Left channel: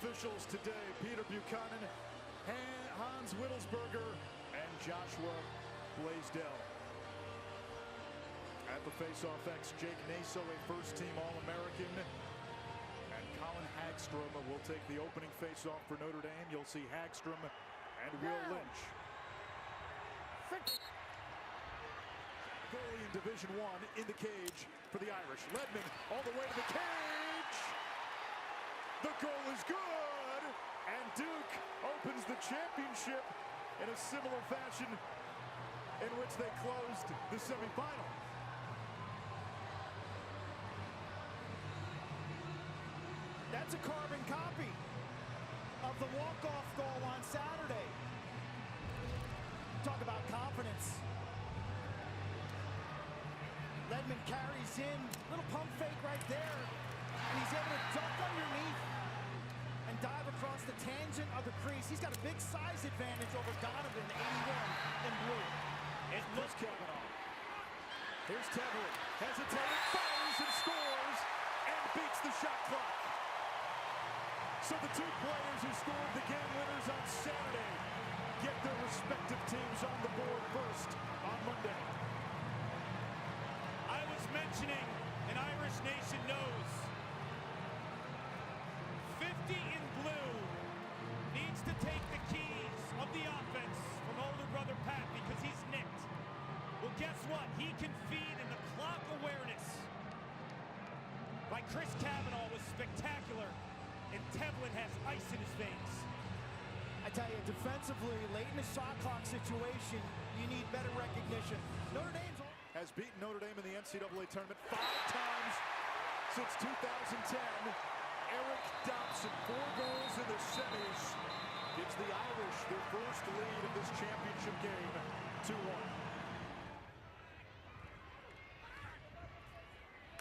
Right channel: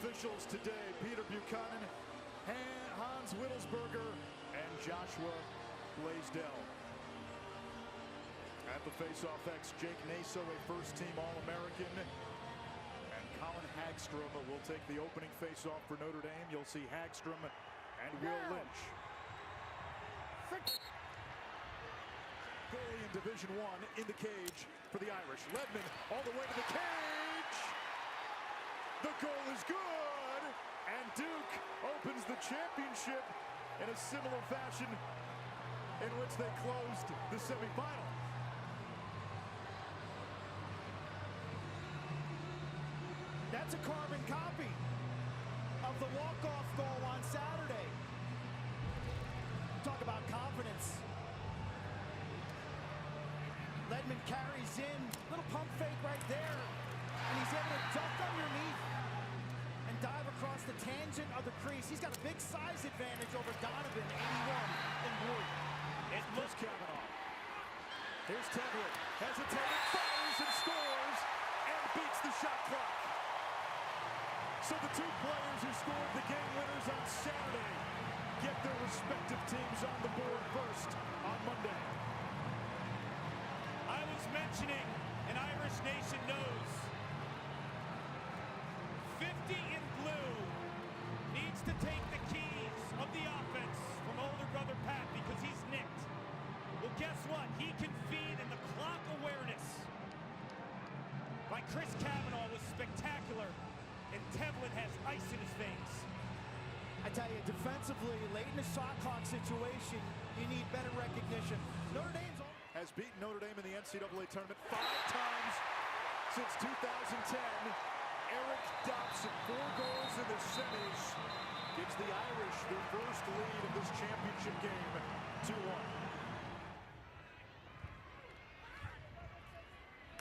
officials today: Peter Buchanan, Hans Wittelsberger, and Joshua Blaisdell. At the face-off X, Jake Naso, a first-team All-American, and Colin Hagstrom will take the opening face-off for Notre Dame. You'll see Hagstrom and Will Lynch. Goalie in Division I in the cage for the Irish. Ledman all the way to the cage. The goal is good, and Duke opens the championship in a similar fashion in which they closed the semifinal. That's a carbon copy of the walk-off goal on Saturday. Talk about confidence. Ledman carries in, little pump fake right there, and he's able to duck underneath and dive across the tangent of the crease. He's got a big size advantage over Donovan, 81 in blue. It looks Kavanaugh. Here's Tevlin, hesitated, fires and scores, and beats the shot clock. So the two players who scored the game winners on Saturday get their respective teams on the board first on Monday. I was mentioning, an Irish nation knows, 50 in blue needs to take the keys of the offense from older brother Pat because he's nicked. Well, guess what? He can feed, and the clock awareness by Chris Kavanaugh was spectacular, and Tevlin has ice in his veins. I tell you, defensively, late in the shot clock situation, you need better recognition. Notre Dame's has beaten Notre Dame in the NCAA tournament 5 times since 2010. Eric Dobson, 4 goals in the semis, gives the Irish their first lead of this championship game, 2-1.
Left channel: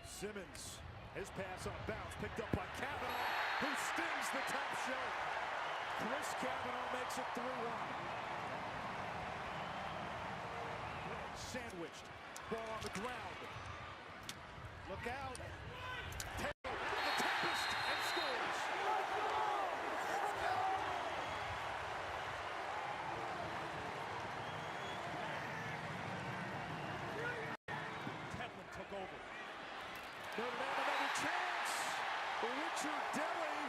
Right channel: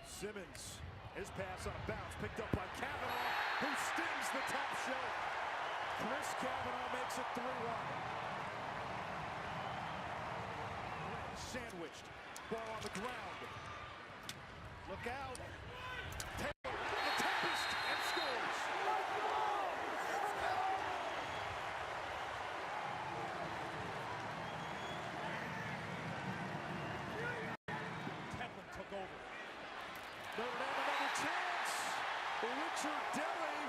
Simmons, his pass on a bounce, picked up by Kavanaugh, who stings the top shelf. Chris Kavanaugh makes it 3-1. Sandwiched, ball on the ground. look out. Taylor out of the Tempest and scores. Tevlin took over. Notre Dame another chance. Richard Delly,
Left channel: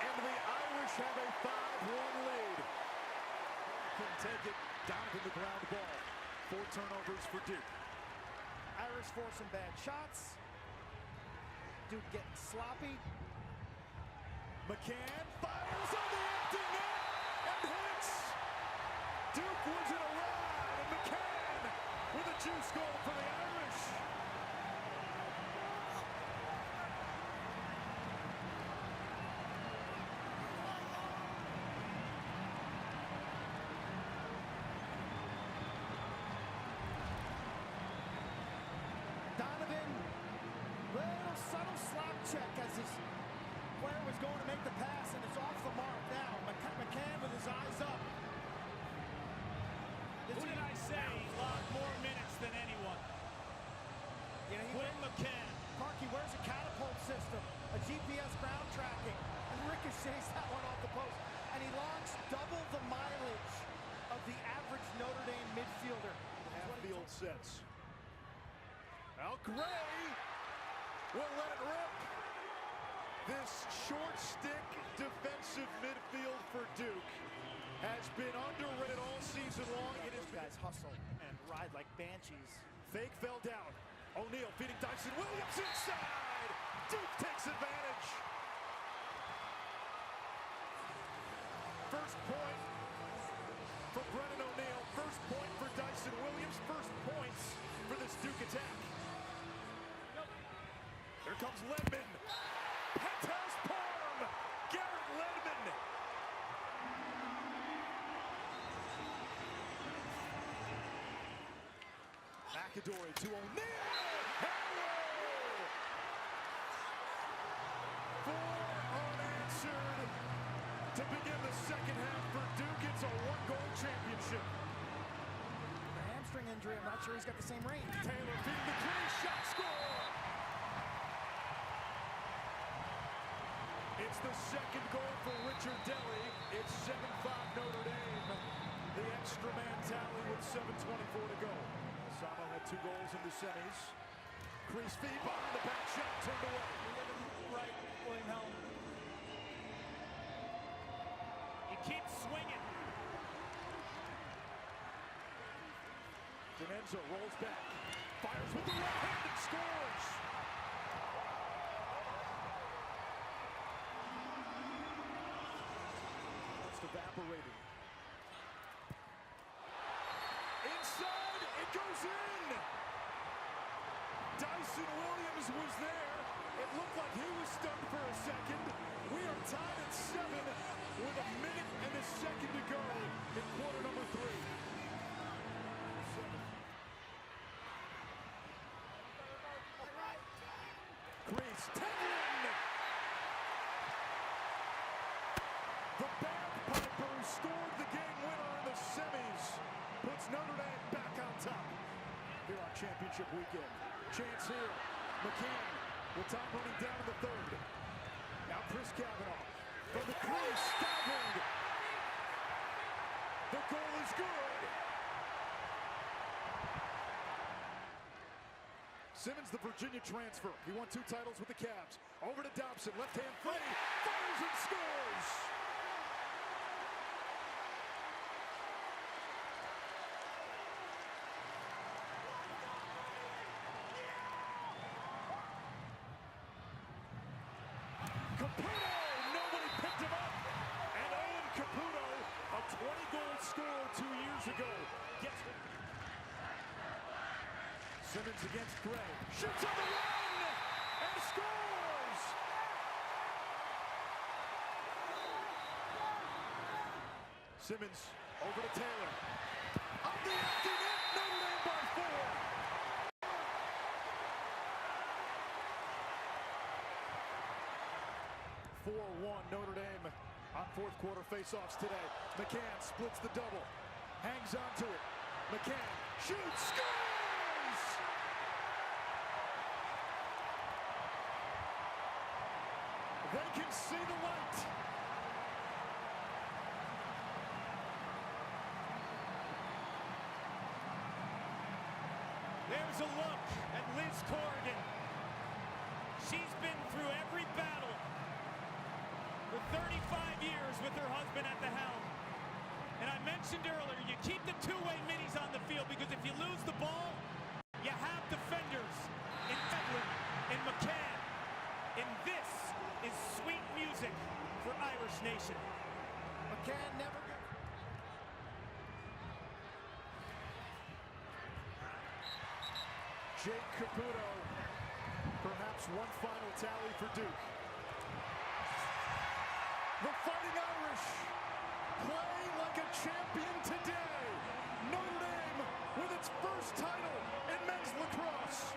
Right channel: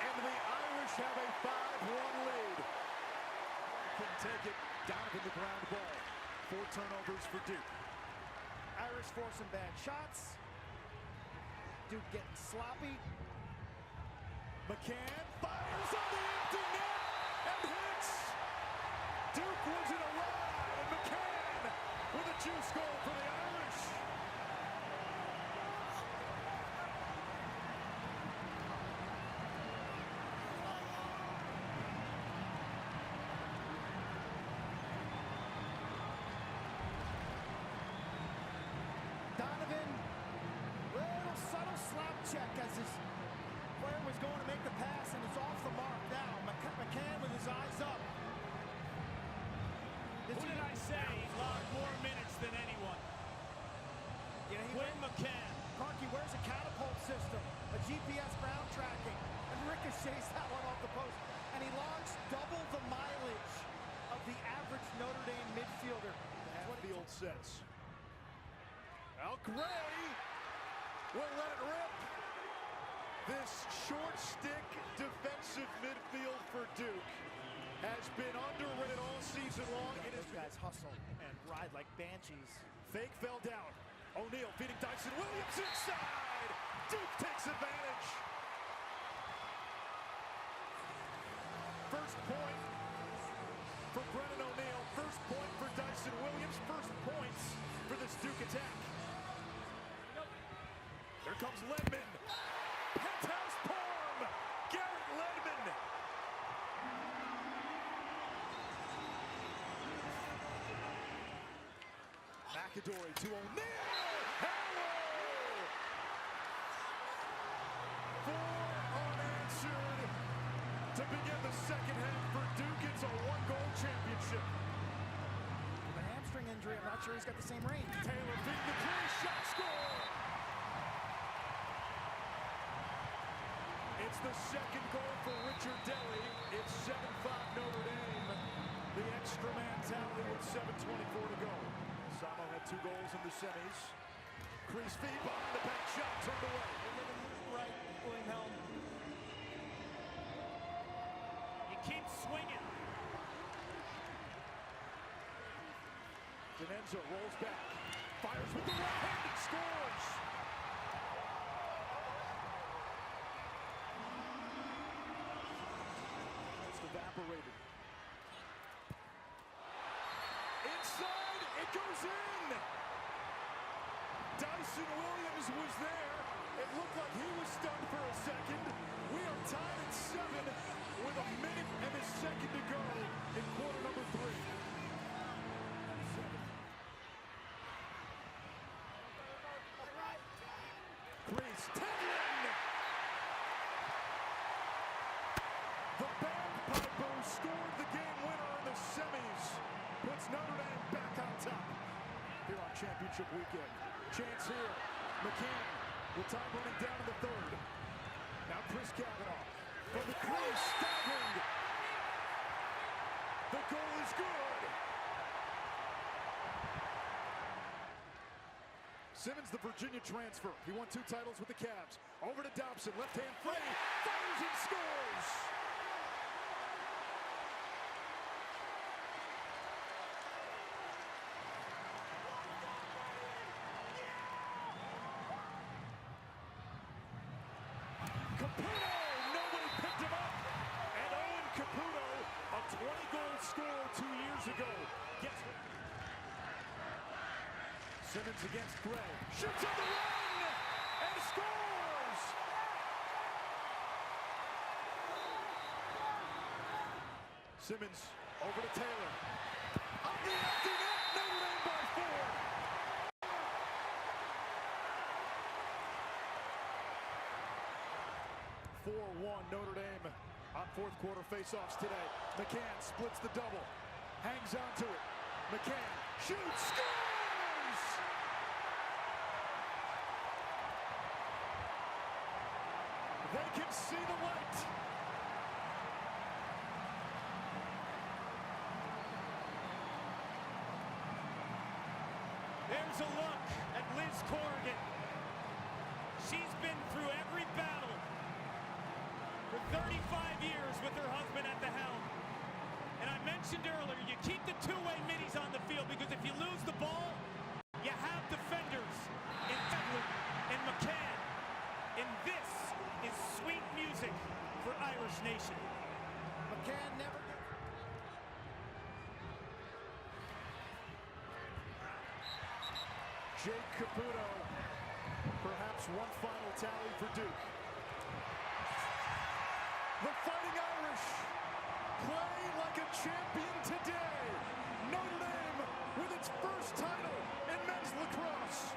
and the Irish have a 5-1 lead. Couldn't take it. Donovan the ground ball. 4 turnovers for Duke. Irish forcing bad shots. Duke getting sloppy. McCann fires on the empty net and hits. Duke was in a ride, and McCann with a juice goal for the Irish. Donovan, little subtle slap check as his player was going to make the pass, and it's off the mark now. McCann with his eyes up. Who did I say logged more minutes than anyone? You know, Quinn McCann. Karki wears a catapult system, a GPS ground tracking, and ricochets that one off the post. And he logs double the mileage of the average Notre Dame midfielder. The half-field sets. Now Gray will let it rip. This short stick defensive midfield for Duke has been underrated all season long. It is guys hustle and ride like banshees. Fake fell down. O'Neal feeding Dyson Williams inside. Duke takes advantage. First point for Brennan O'Neal. First point for Dyson Williams. First points for this Duke attack. Here comes Ledman. Penthouse Parm. Garrett Ledman. McAdory to O'Neal. Hello! 4 unanswered to begin the second half for Duke. It's a 1-goal championship. With a hamstring injury, I'm not sure he's got the same range. Taylor feeding the crease, shot, score! It's the second goal for Richard Deli. It's 7-5 Notre Dame. The extra man tally with 7:24 to go. Samo had 2 goals in the semis. Crease feed behind the back shot, turned away. You're living right, William Helm. You keep swinging. Denenzo rolls back, fires with the right hand and scores. Almost evaporated. Inside, it goes in. Dyson Williams was there. It looked like he was stunned for a second. We are tied at 7 with a minute and a second to go in quarter number 3. 7. Crease, Tevlin! The bagpiper scored the game winner in the semis. Puts Notre Dame back on top here on championship weekend. Chance here. McCann with time running down in the 3rd. Now Chris Cavanaugh from the crease, diving. The goal is good. Simmons, the Virginia transfer. He won 2 titles with the Cavs. Over to Dobson, left hand free, fires and scores. Caputo, nobody picked him up. And Owen Caputo, a 20-goal scorer 2 years ago, gets it. Simmons against Gray, shoots on the run, and scores! Simmons over to Taylor. On the empty net, Notre Dame by 4. 4-1 Notre Dame on 4th quarter faceoffs today. McCann splits the double, hangs on to it. McCann shoots, scores! They can see the light. There's a look at Liz Corrigan. She's been through every battle for 35 years with her husband at the helm. And I mentioned earlier, you keep the 2-way middies on the field because if you lose the ball, you have defenders in Tevlin and McCann. And this is sweet music for Irish Nation. McCann never gets... Jake Caputo, perhaps one final tally for Duke. The Fighting Irish play like a champion today. Notre Dame with its first title in men's lacrosse.